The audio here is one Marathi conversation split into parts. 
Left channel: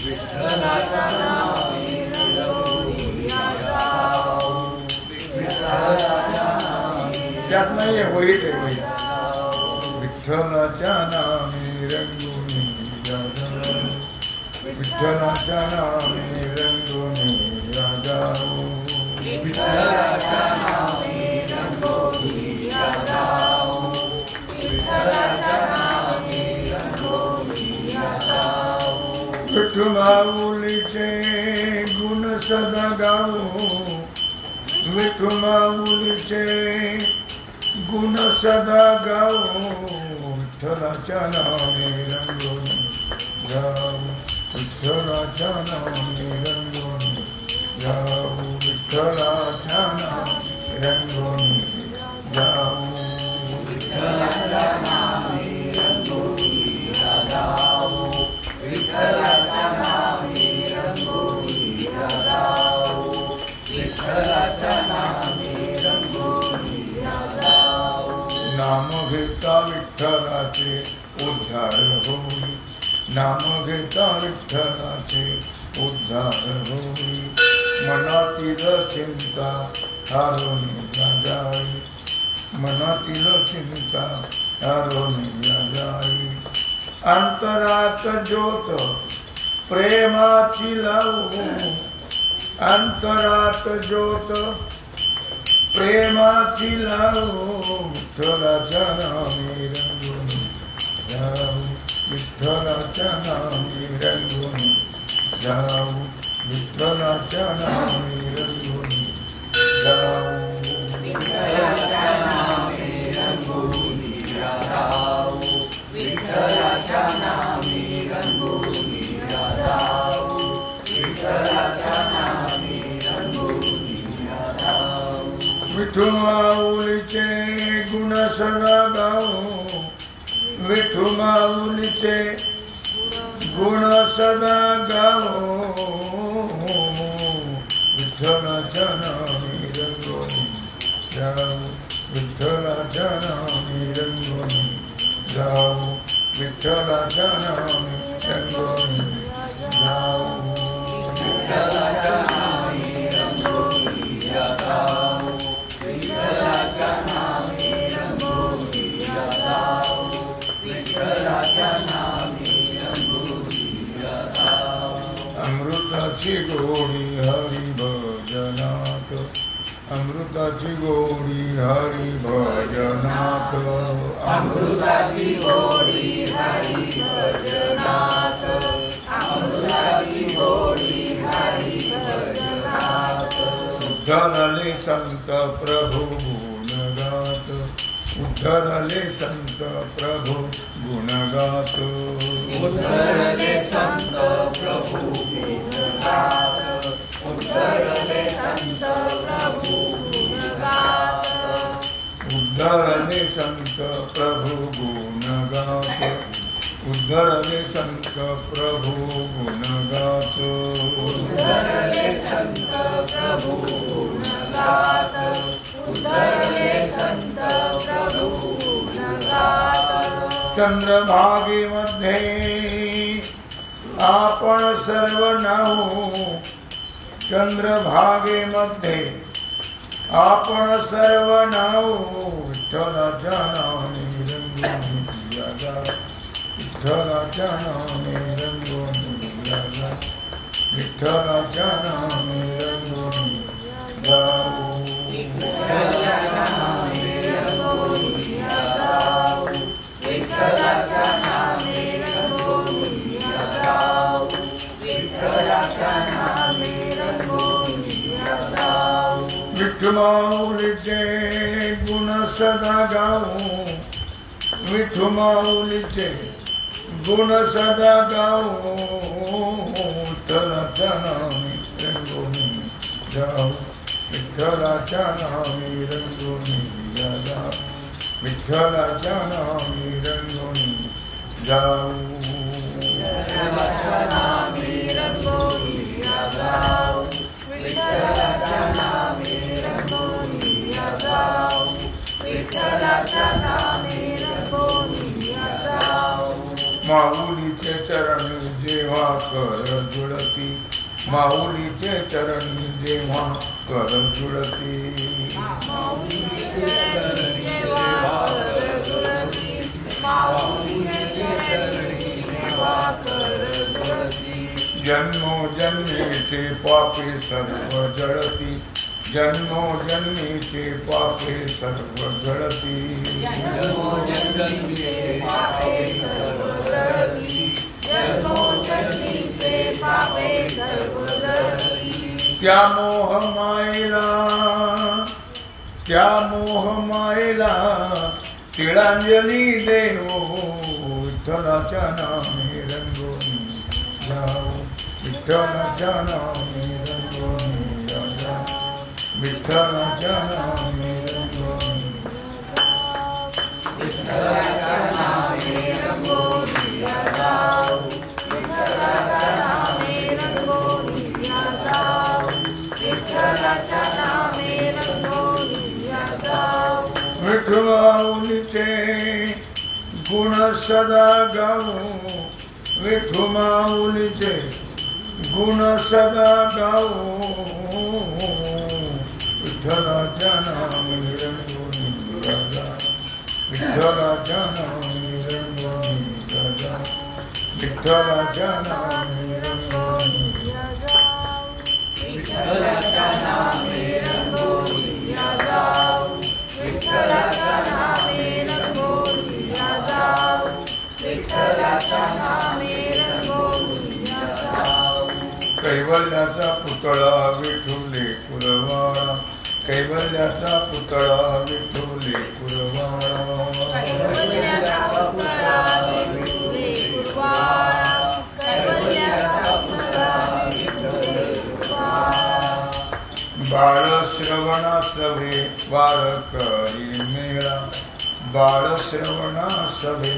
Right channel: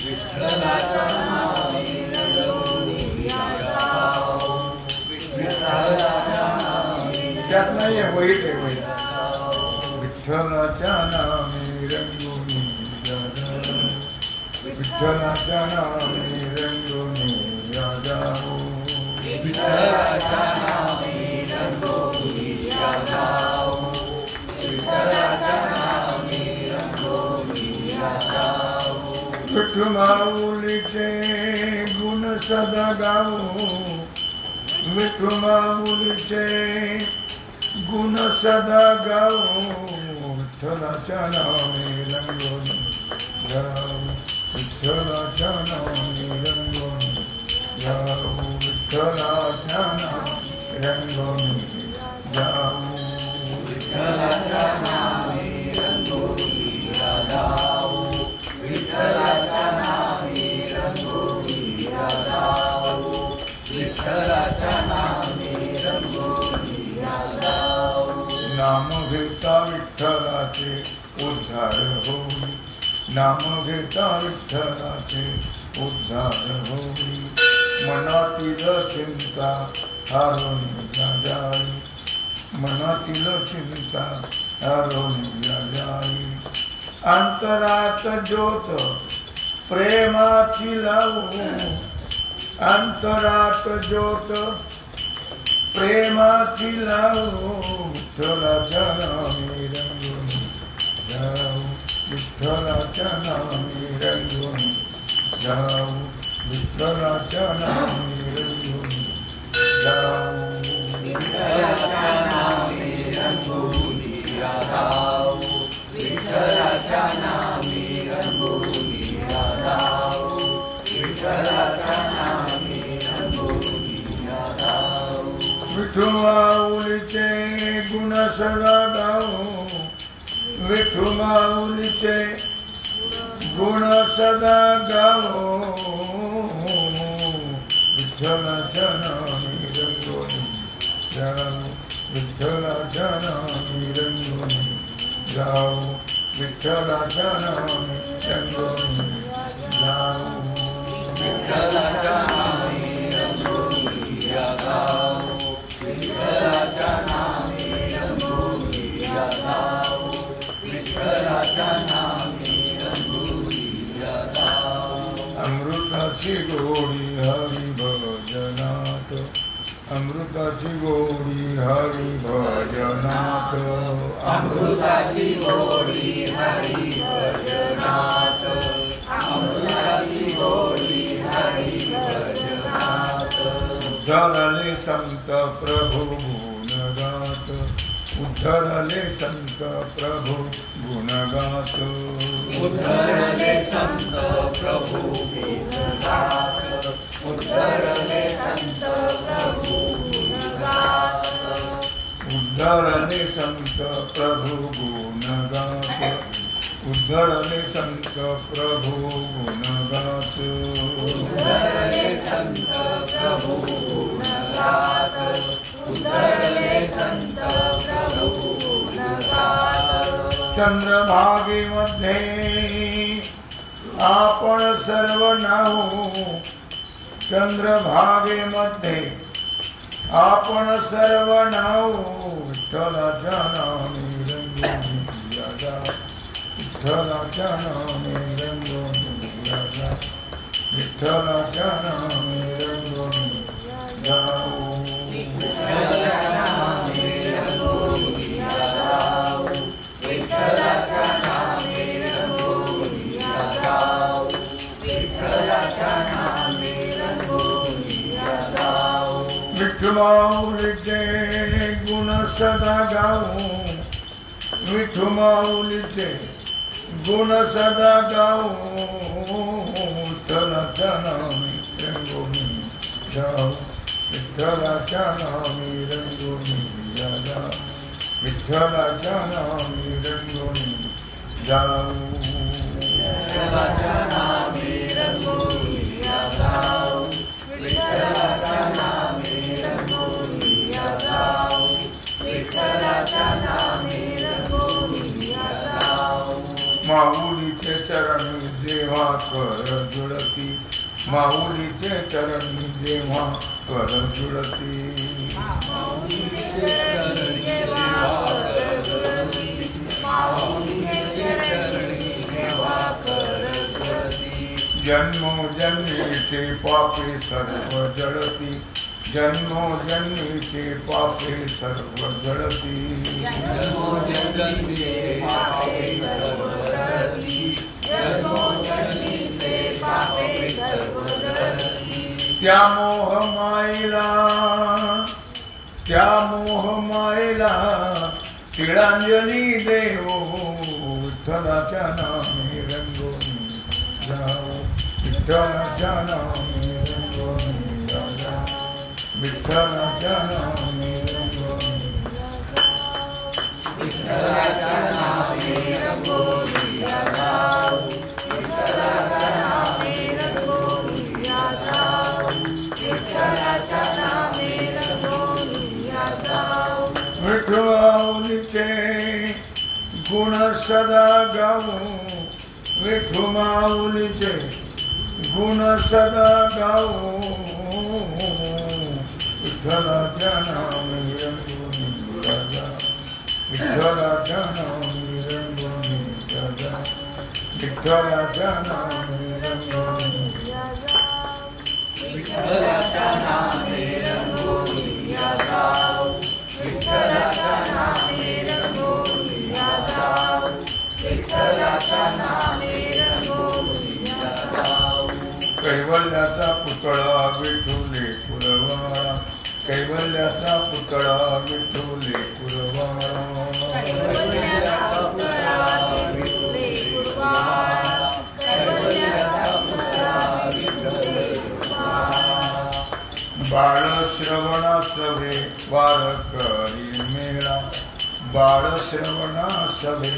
विठ्ठलाच्या नामे रंगोली जाऊ, विठ्ठलाच्या नामे त्यात नाहीये वहीत आहे वहीत. विठ्ठलाच्या नामे रंगोली जाऊ, विठ्ठलाच्या नामे रंगोली जाऊ, विठ्ठलाच्या नामे रंगोली जाऊ, विठ्ठलाच्या नामे रंगोली जाऊ. विठ्ठल माऊलीचे गुण सदा गाऊ, विठ्ठल माऊलीचे गुण सदा गाऊ, विठ्ठलाच्या नामे रंगोली जाऊ, विठ्ठलाच्या नामे रंगोली जाऊ, विठ्ठलाच्या नामे रंगोली जाऊ, विठ्ठलाच्या नामे रंगोली जाऊ, विठ्ठलाच्या नामे रंगोली जाऊ, विठ्ठलाच्या नामे रंगोली जाऊ. नाम घेता विठ्ठलाचे उद्धार होई, नाम घेता विठ्ठलाचे उद्धार होई, मनातील चिंता हरून जाई, मनातील चिंता हरून जाई. अंतरात ज्योत प्रेमाची लावू, अंतरात ज्योत प्रेमाची लावू, विठ्ठलाच्या नामे रंगोली जाऊ, विठ्ठलाच्या नामे रंगोली जाऊ, विठ्ठलाच्या नामे रंगोली जाऊ, विठ्ठलाच्या नामे रंगोली जाऊ, विठ्ठलाच्या नामे रंगोली जाऊ, विठ्ठलाच्या नामे रंगोली जाऊ. विठ्ठल माऊलीचे गुण सदा गाऊ, विठ्ठल माऊलीचे गुण सदा गाऊ, विठ्ठलाच्या नामे रंगोली जाऊ, विठ्ठलाच्या नामे रंगोली जाऊ, विठ्ठलाच्या नामे रंगोली जाऊ, विठ्ठलाच्या नामे रंगोली जाऊ, विठ्ठलाच्या नामे रंगोली जाऊ, विठ्ठलाच्या नामे रंगोली जाऊ. अमृताची गोडी हरी भजनात, अमृताची गोडी हरी भजनात, अमृताची गोडी हरी भजनात, अमृताची गोडी हरी भजनात. उद्धरले संत प्रभु गुणगात, उद्धरले संत प्रभु गुणगात, उद्धरले संत प्रभु गुणगात, उद्धरले संत प्रभु गुणगात, उद्धरले संत प्रभु गुणगात, उद्धरले संत प्रभु गुणगात, उद्धरले संत प्रभु गुणगात, उद्धरले संत प्रभु गुणगात. चंद्रभागेमध्ये आपण सर्व नाहू, चंद्रभागेमध्ये आपण सर्व नाहू, विठ्ठलाच्या नामे रंगोली जाऊ, विठ्ठलाच्या नामे रंगोली जाऊ, विठ्ठलाच्या नामे रंगोली जाऊ, विठ्ठलाच्या नामे रंगोली जाऊ, विठ्ठलाच्या नामे रंगोली जाऊ, विठ्ठलाच्या नामे रंगोली जाऊ. विठ्ठल माऊलीचे गुण सदा गाऊ, विठ्ठल माऊलीचे गुण सदा गाऊ, विठ्ठलाच्या नामे रंगोली जाऊ, विठ्ठलाच्या नामे रंगोली जाऊ, विठ्ठलाच्या नामे रंगोली जाऊ, विठ्ठलाच्या नामे रंगोली जाऊ, विठ्ठलाच्या नामे रंगोली जाऊ, विठ्ठलाच्या नामे रंगोली जाऊ. माऊलीचे चरण जेव्हा जेव्हा कर जुळती माऊलीचे चरणी जेव्हा कर जुळती जन्मोजन्मीचे पापे सर्व जळती जन्मोजन्मीचे पापे सर्व जळती त्या मोह मायेला तिळांजली देव विठ्ठलाच्या नामे रंगोनी जाऊ विठ्ठलाच्या नामे रंगोनी राजा विठ्ठलाच्या नामे रंगोनी विठ्ठलाच्या नामे रंगोनी जाऊ विठ्ठलाच्या नामे रंगोनी जाऊ विठ्ठलाच्या नामे रंगोनी जाऊ विठ्ठलाचे गुण सदा गाऊ विठू माऊलीचे गुण सदा गाऊ विठ्ठलाच्या नामे रंगोनी राजा विठ्ठलाच्या नामे रंगोनी राजा विठ्ठलाच्या नामे रंगोनी विठ्ठलाच्या नामे रंगोनी राजा विठ्ठलाच्या नामे रंगोनी राजा विठ्ठलाच्या नामे रंगोनी राजा कैवल्याचा पुतळा विठुले कुरवाळा कैवल्याचा पुतळा विठुले कुरवाळा कैवल्याचा पुतळा विठुले कुरवाळा कैवल्याचा पुतळा विठुले कुरवाळा बाळ श्रवणा सभे वारकरी मेळा बाळ श्रवणा सभे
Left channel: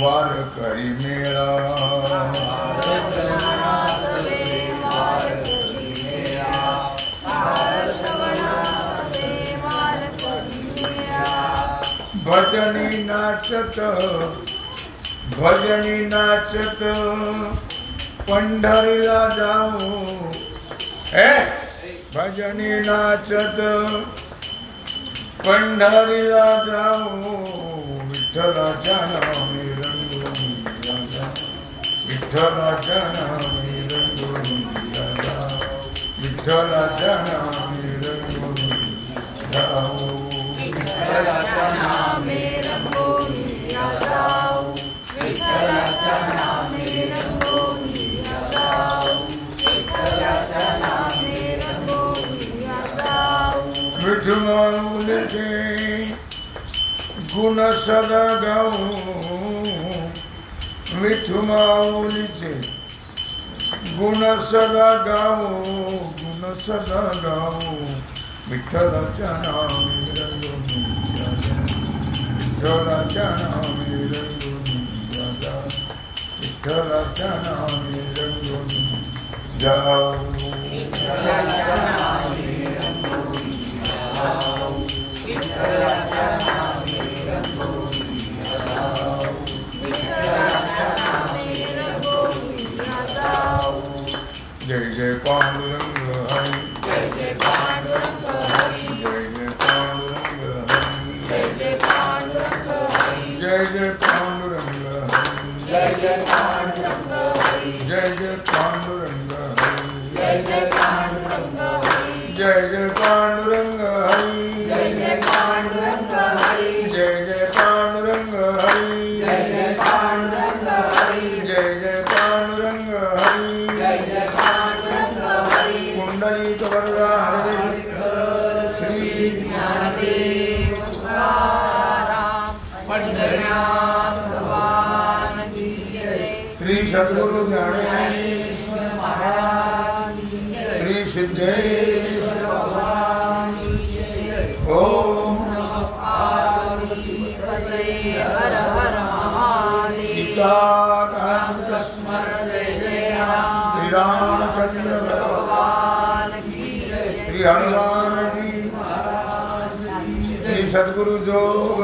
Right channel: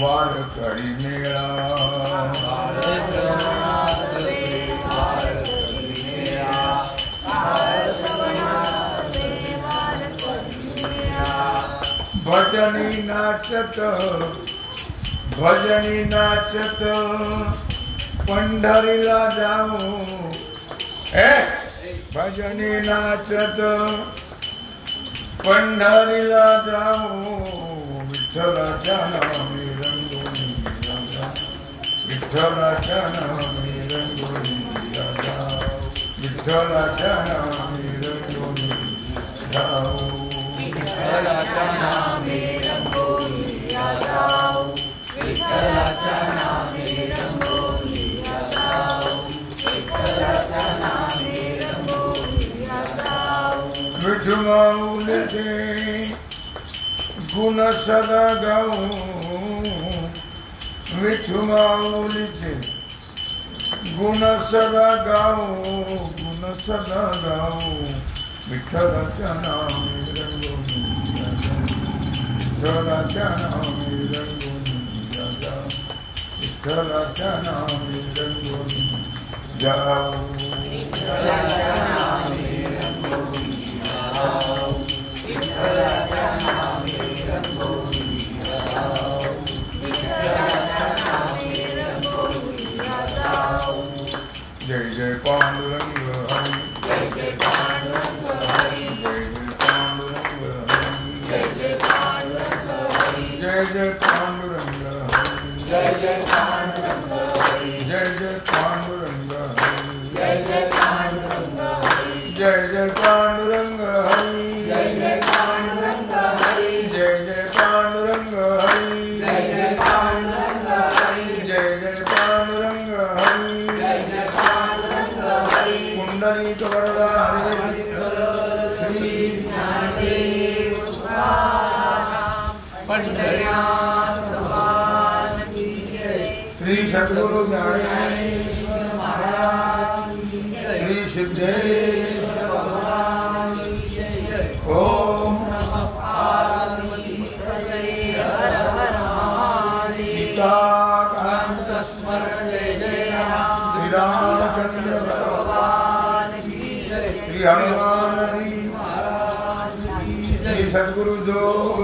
वारकरी मेळा भजनी नाचत पंढरीला जाऊ भजनी नाचत पंढरीला जाऊ विठ्ठलाच्या नामे रंगोनी राजा विठ्ठलाच्या नामे रंगोनी राजा विठ्ठलाच्या नामे रंगोनी जाऊ विठ्ठलाच्या नामे रंगोनी जाऊ विठ्ठलाच्या नामे रंगोनी जाऊ विठ्ठलाच्या नामे रंगोनी जाऊ विठू माऊलीचे गुण सदा गाऊ विठू माऊलीचे गुण सदा गाऊ विठ्ठलाच्या नामे रंगोनी राजा विठ्ठलाच्या नामे रंगोनी राजा विठ्ठलाच्या नामे रंगोनी जाऊ विठ्ठलाच्या नामे रंगोनी जाऊ विठ्ठलाच्या नामे रंगोनी जाऊ विठ्ठलाच्या नामे रंगोनी जाऊ जय जय पांडुरंग हरी जय जय पांडुरंग हरी जय जय पांडुरंग हरी जय जय पांडुरंग हरी जय जय पांडुरंग हरी जय जय पांडुरंग हरी जय जय पांडुरंग हरी जय जय पांडुरंग हरी जय जय पांडुरंग हरी जय जय पांडुरंग हरी जय जय पांडुरंग हरी जय जय पांडुरंग हरी जय जय पांडुरंग हरी जय जय पांडुरंग हरी कुंडलिक वरदा हरे श्री ज्ञानदेव तुकाराम पंढरीनाथ भगवान की जय श्री सद्गुरु ज्ञानेश्वर महाराज की जय श्री सिद्धेश्वर भगवान की जय ओम नमः पार्वती पतये हर हर महादेव कांत स्मरण जय श्री रामचंद्र भगवान की जय श्री हनुमान जी महाराज की जय श्री सद्गुरु जोग